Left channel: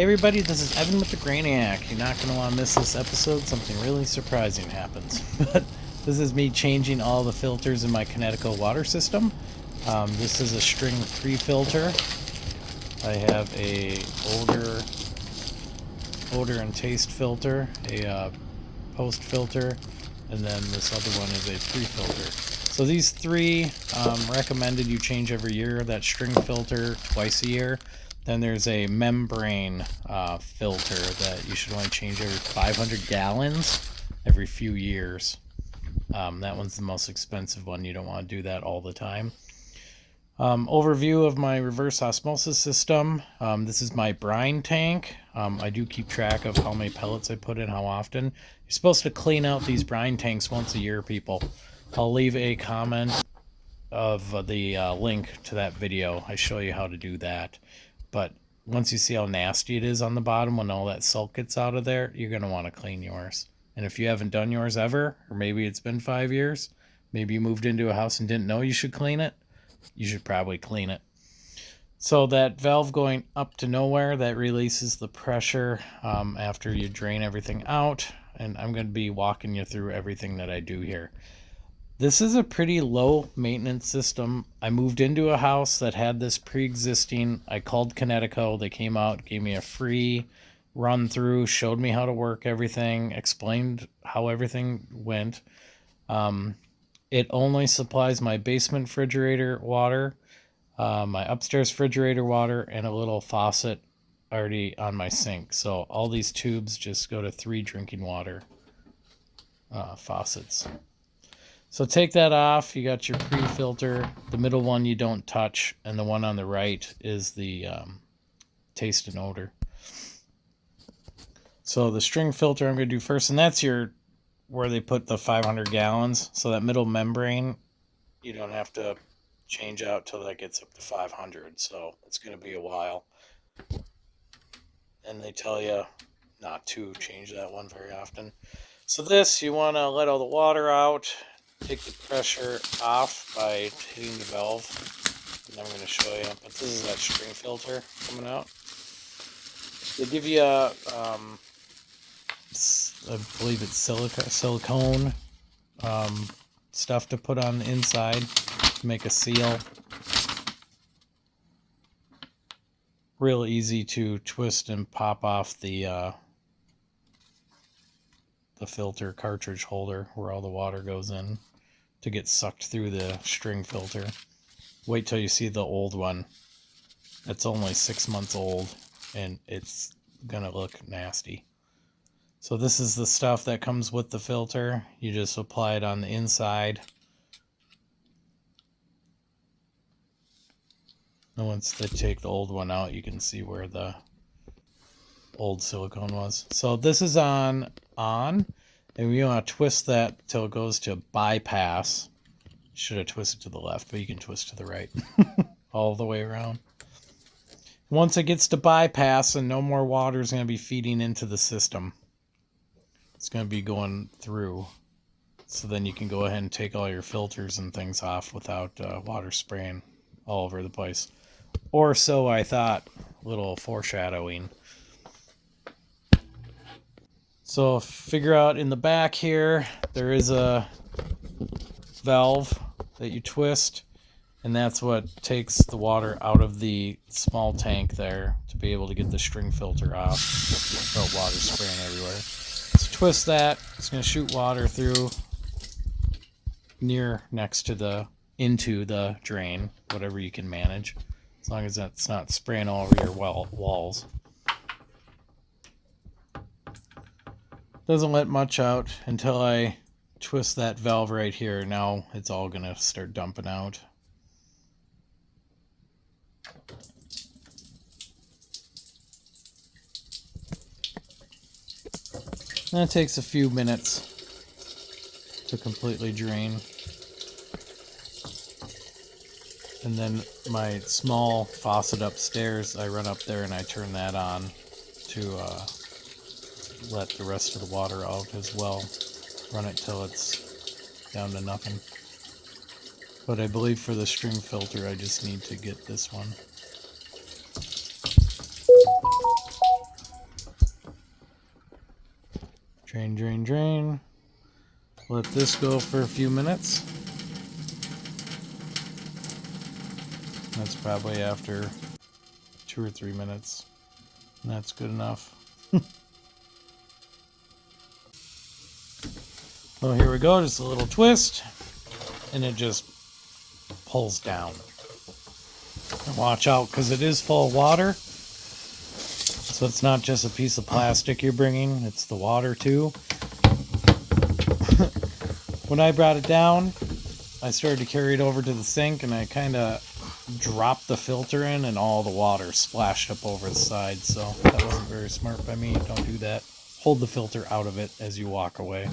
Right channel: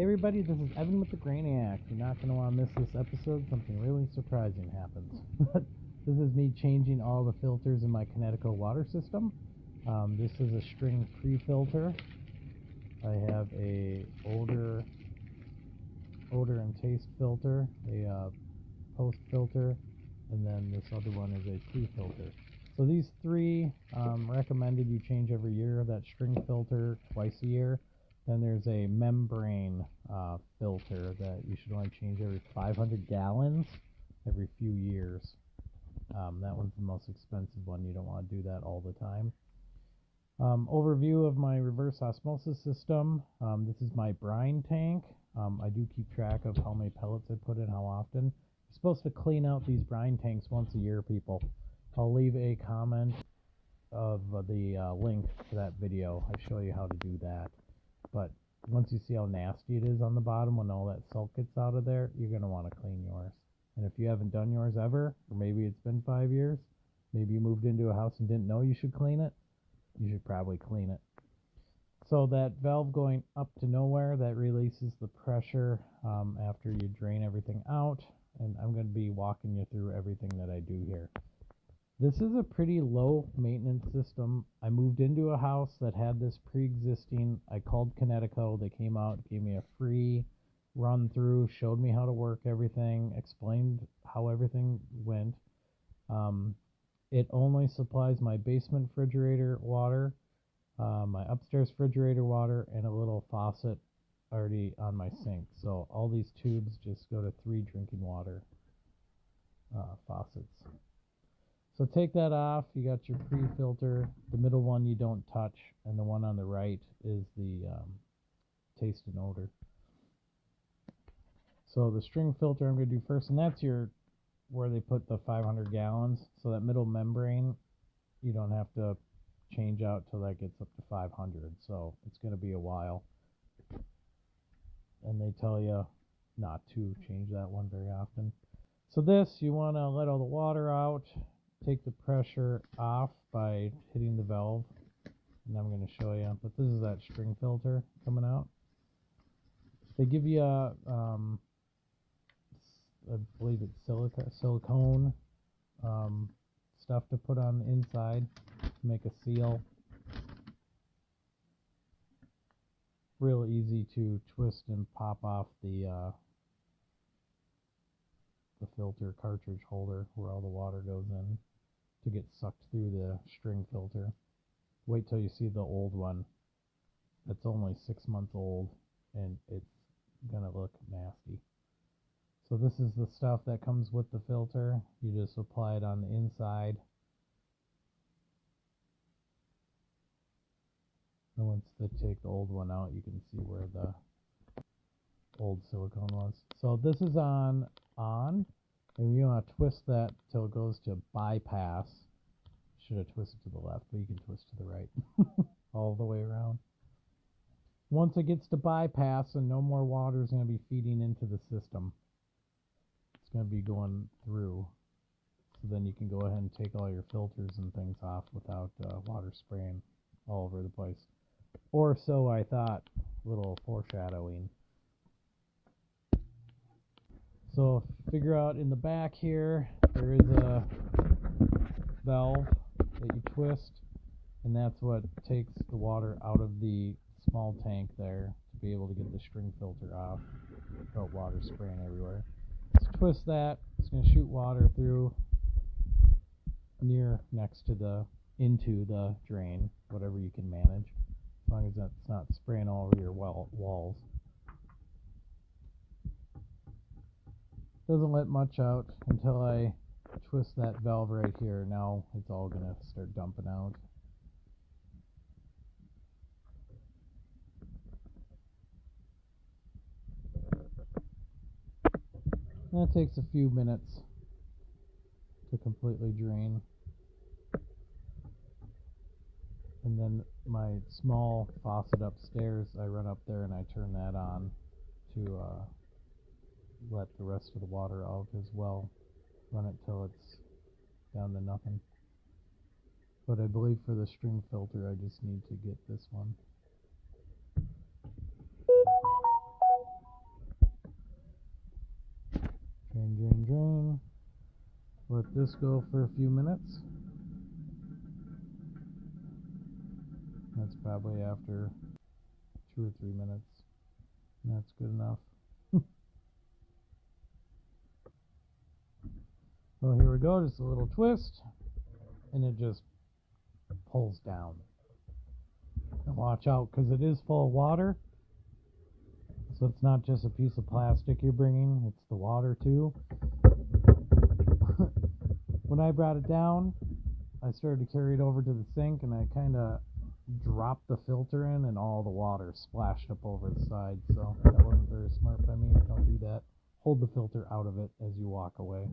Hey everybody, this is Evan with the Brainiac. You're not going to want to miss this episode. Something really surprising happens. But this is me changing all the filters in my Kinetico water system. This is a string pre-filter. I have a odor and taste filter, a post filter, and then this other one is a pre-filter. So these three recommended you change every year. That string filter twice a year. Then there's a membrane filter that you should only change every 500 gallons every few years. That one's the most expensive one. You don't want to do that all the time. Overview of my reverse osmosis system. This is my brine tank. I do keep track of how many pellets I put in, how often. You're supposed to clean out these brine tanks once a year, people. I'll leave a comment of the link to that video. I show you how to do that. But once you see how nasty it is on the bottom when all that salt gets out of there, you're going to want to clean yours. And if you haven't done yours ever, or maybe it's been 5 years, maybe you moved into a house and didn't know you should clean it, you should probably clean it. So that valve going up to nowhere, that releases the pressure after you drain everything out. And I'm going to be walking you through everything that I do here. This is a pretty low maintenance system. I moved into a house that had this pre-existing. I called Kinetico. They came out, gave me a free run through, showed me how to work everything, explained how everything went. It only supplies my basement refrigerator water, my upstairs refrigerator water, and a little faucet already on my sink. So all these tubes just go to 3 drinking water faucets. So take that off. You got your pre-filter. The middle one you don't touch, and the one on the right is the taste and odor. So the string filter I'm going to do first, and that's where they put the 500 gallons. So that middle membrane, you don't have to change out till that gets up to 500. So it's going to be a while. And they tell you not to change that one very often. So this, you want to let all the water out. Take the pressure off by hitting the valve, and I'm going to show you. But this is that string filter coming out. They give you a, I believe it's silicone stuff to put on the inside to make a seal. Real easy to twist and pop off the filter cartridge holder where all the water goes in to get sucked through the string filter. Wait till you see the old one. It's only 6 months old and it's gonna look nasty. So this is the stuff that comes with the filter. You just apply it on the inside. And once they take the old one out, you can see where the old silicone was. So this is on, and we want to twist that till it goes to bypass. Should have twisted to the left, but you can twist to the right. All the way around. Once it gets to bypass and no more water is going to be feeding into the system, it's going to be going through. So then you can go ahead and take all your filters and things off without water spraying all over the place. Or so I thought. A little foreshadowing. So figure out in the back here, there is a valve that you twist, and that's what takes the water out of the small tank there to be able to get the string filter off without water spraying everywhere. So twist that. It's going to shoot water through next to into the drain, whatever you can manage, as long as that's not spraying all over your walls. Doesn't let much out until I twist that valve right here. Now it's all going to start dumping out. And it takes a few minutes to completely drain. And then my small faucet upstairs, I run up there and I turn that on to let the rest of the water out as well. Run it till it's down to nothing. But I believe for the string filter I just need to get this one. Drain, drain, drain. Let this go for a few minutes. That's probably after 2 or 3 minutes. And that's good enough. Well, here we go. Just a little twist. And it just pulls down. And watch out, because it is full of water. So it's not just a piece of plastic you're bringing. It's the water, too. When I brought it down, I started to carry it over to the sink, and I kind of dropped the filter in, and all the water splashed up over the side. So that wasn't very smart by me. Don't do that. Hold the filter out of it as you walk away.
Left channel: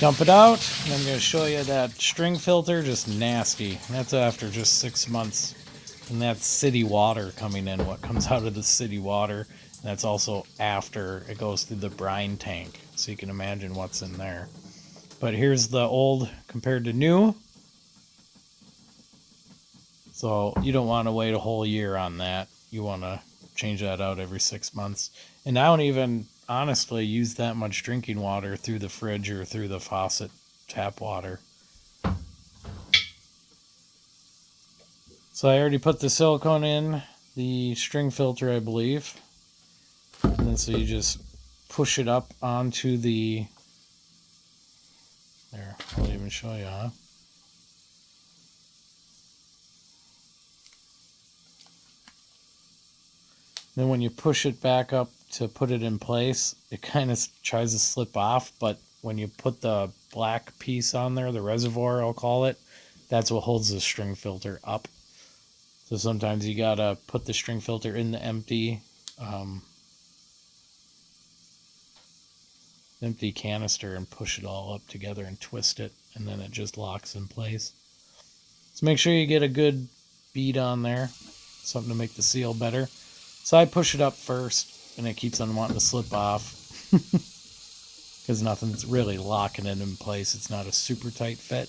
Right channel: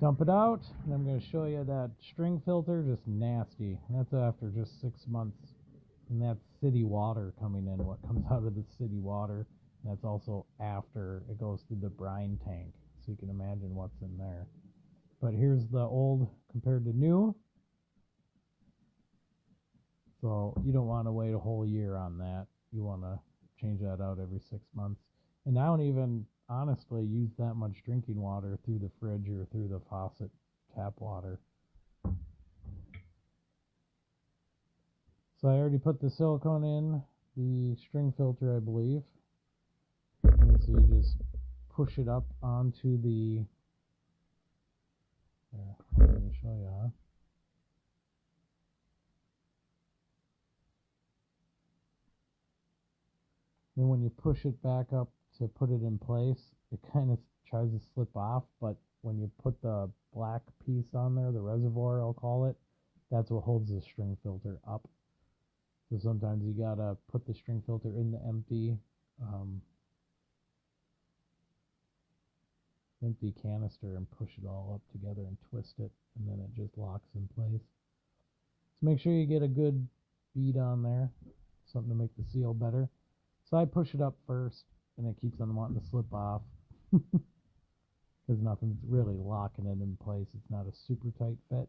Dump it out, and I'm going to show you that string filter, just nasty. That's after just 6 months. And that's city water coming in, what comes out of the city water. And that's also after it goes through the brine tank. So you can imagine what's in there. But here's the old compared to new. So you don't want to wait a whole year on that. You want to change that out every 6 months. And I don't even honestly use that much drinking water through the fridge or through the faucet tap water. So I already put the silicone in the string filter, I believe. And then so you just push it up onto the... There, I'll even show you, huh? Then when you push it back up to put it in place, it kind of tries to slip off, but when you put the black piece on there, the reservoir I'll call it, that's what holds the string filter up. So sometimes you gotta put the string filter in the empty canister and push it all up together and twist it, and then it just locks in place. So make sure you get a good bead on there, something to make the seal better. So I push it up first, and it keeps on wanting to slip off because nothing's really locking it in place. It's not a super tight fit.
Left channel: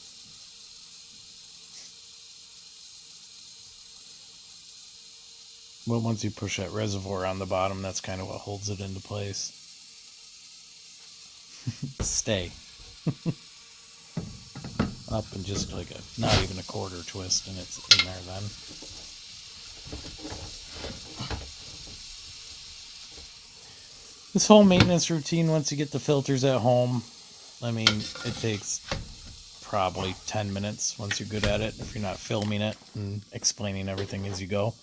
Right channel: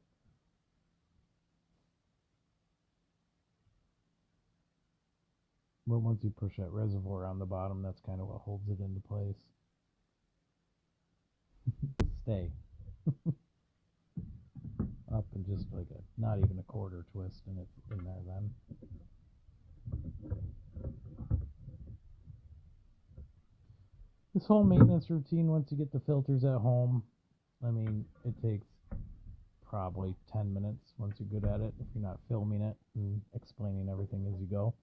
But once you push that reservoir on the bottom, that's kind of what holds it into place. Stay. Up and just like not even a quarter twist, and it's in there then. This whole maintenance routine, once you get the filters at home, I mean, it takes probably 10 minutes once you're good at it, if you're not filming it and explaining everything as you go.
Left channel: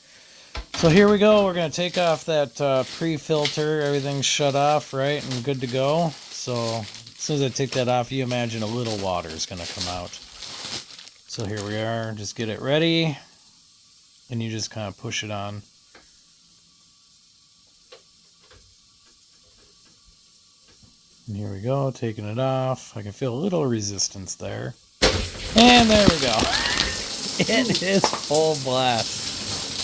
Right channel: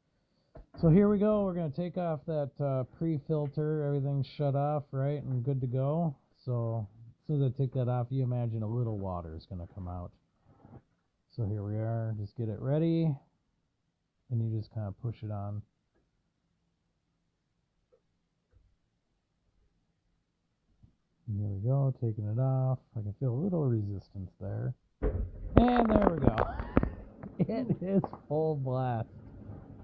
So here we go. We're going to take off that pre-filter. Everything's shut off, right, and good to go. So as soon as I take that off, you imagine a little water is going to come out. So here we are. Just get it ready, and you just kind of push it on. And here we go, taking it off. I can feel a little resistance there. And there we go. It is full blast.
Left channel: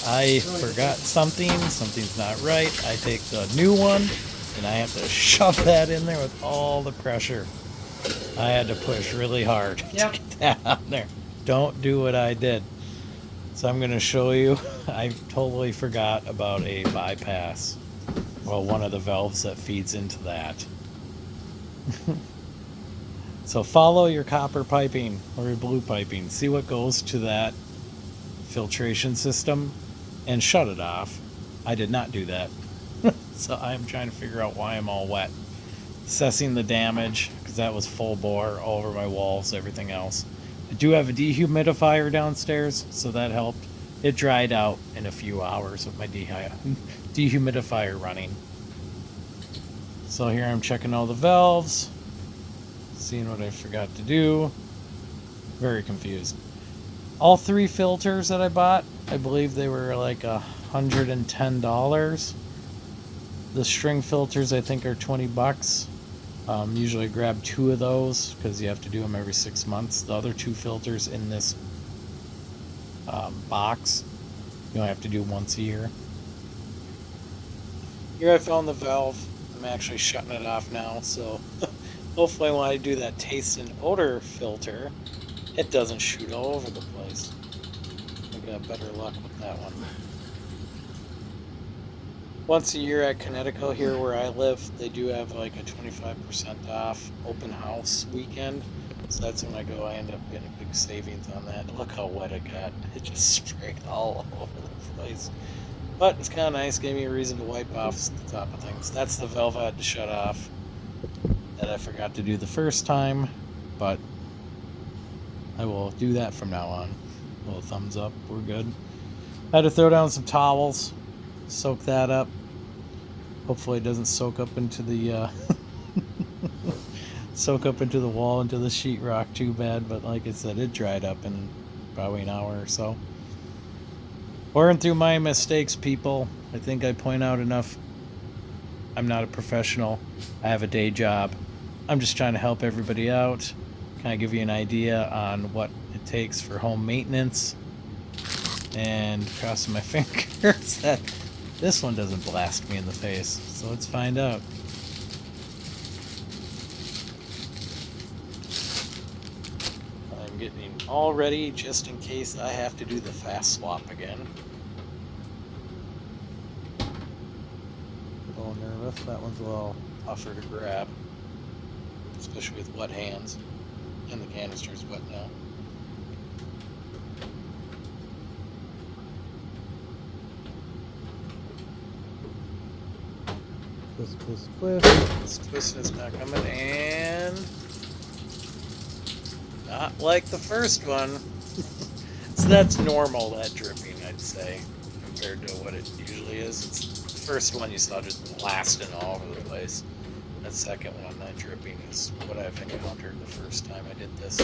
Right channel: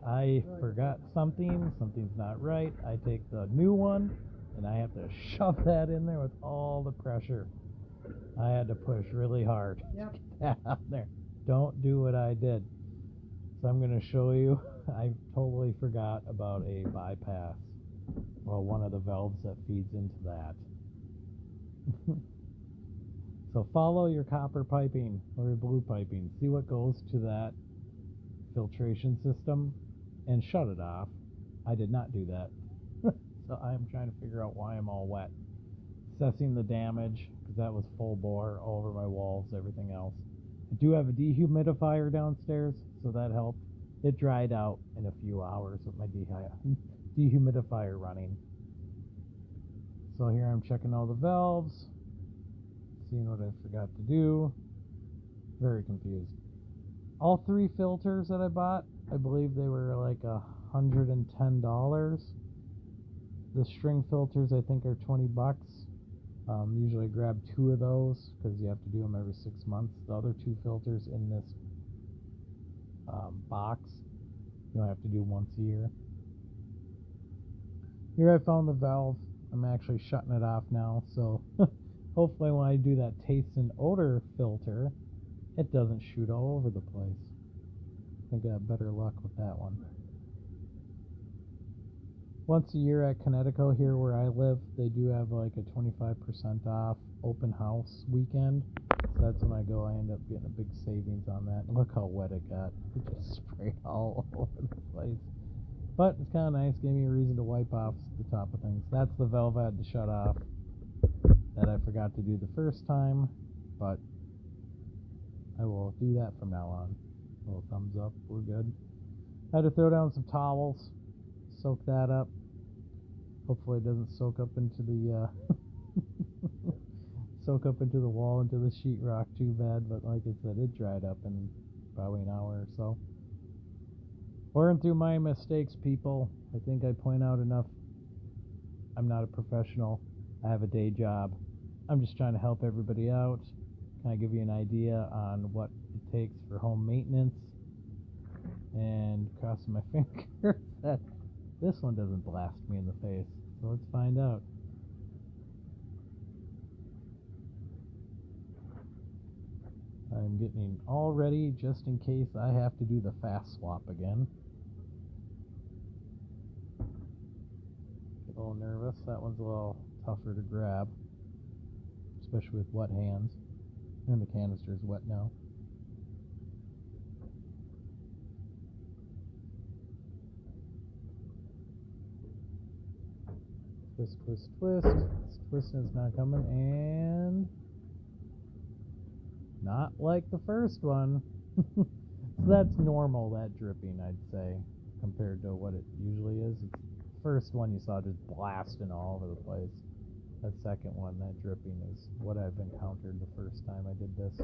I forgot something. Something's not right. I take the new one, and I have to shove that in there with all the pressure. I had to push really hard to get that on there. Don't do what I did. So I'm going to show you. I totally forgot about a bypass. Well, one of the valves that feeds into that. So follow your copper piping or your blue piping. See what goes to that filtration system and shut it off. I did not do that. So I'm trying to figure out why I'm all wet. Assessing the damage, because that was full bore all over my walls, everything else. I do have a dehumidifier downstairs, so that helped. It dried out in a few hours with my dehumidifier running. So here I'm checking all the valves, seeing what I forgot to do. Very confused. All 3 filters that I bought, I believe they were like $110. The string filters I think are 20 bucks. Usually I grab 2 of those because you have to do them every 6 months. The other 2 filters in this box, you only have to do once a year. Here I found the valve. I'm actually shutting it off now, so hopefully when I do that taste and odor filter, it doesn't shoot all over the place. I got better luck with that one. Once a year at Kinetico here where I live, they do have like a 25% off open house weekend. So that's when I go. I end up getting a big savings on that. Look how wet it got. It just sprayed all over the place. But it's kind of nice. Gave me a reason to wipe off the top of things. That's the valve I had to shut off that I forgot to do the first time. But I will do that from now on. A little thumbs up. We're good. I had to throw down some towels. Soak that up. Hopefully it doesn't soak up into the soak up into the wall, into the sheetrock too bad. But like I said, it dried up in probably an hour or so. Learn through my mistakes, people. I think I point out enough. I'm not a professional. I have a day job. I'm just trying to help everybody out. Kind of give you an idea on what it takes for home maintenance. And crossing my fingers that this one doesn't blast me in the face. So let's find out. I'm getting all ready just in case I have to do the fast swap again. A little nervous. That one's a little tougher to grab, especially with wet hands. And the canister's wet now. Twist, twist, twist. This twisting is not coming, and not like the first one. So that's normal, that dripping, I'd say, compared to what it usually is. It's the first one you saw just blasting all over the place. That second one, that dripping, is what I've encountered the first time I did this.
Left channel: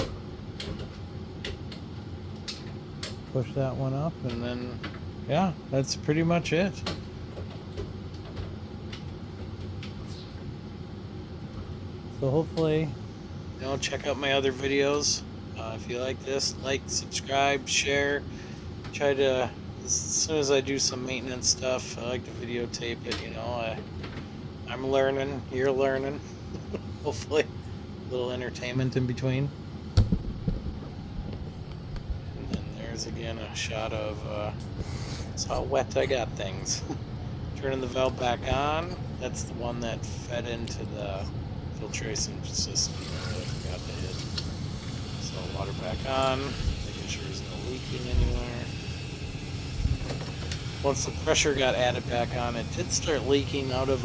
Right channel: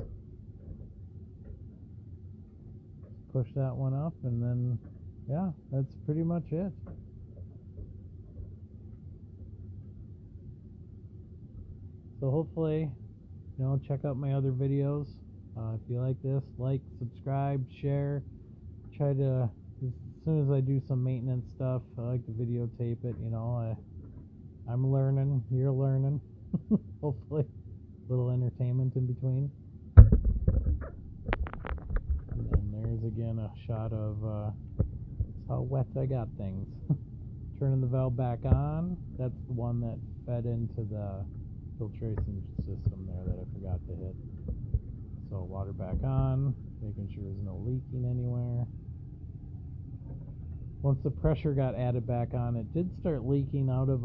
Push that one up, and then, yeah, that's pretty much it. So hopefully, check out my other videos. If you like this, like, subscribe, share. Try to, as soon as I do some maintenance stuff, I like to videotape it. I'm learning, you're learning. Hopefully, a little entertainment in between. And then there's again a shot of that's how wet I got things. Turning the valve back on. That's the one that fed into the filtration system there that I forgot to hit. So water back on, making sure there's no leaking anywhere. Once the pressure got added back on, it did start leaking out of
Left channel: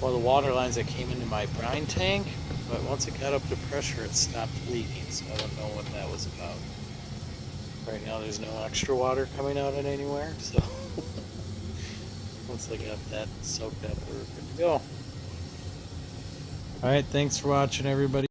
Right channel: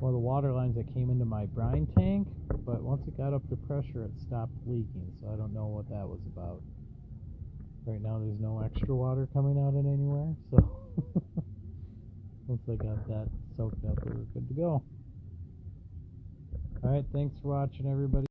one of the water lines that came into my brine tank, but once it got up to pressure, it stopped leaking, so I don't know what that was about. Right now there's no extra water coming out of anywhere, so once I got that soaked up, we were good to go. Alright, thanks for watching, everybody.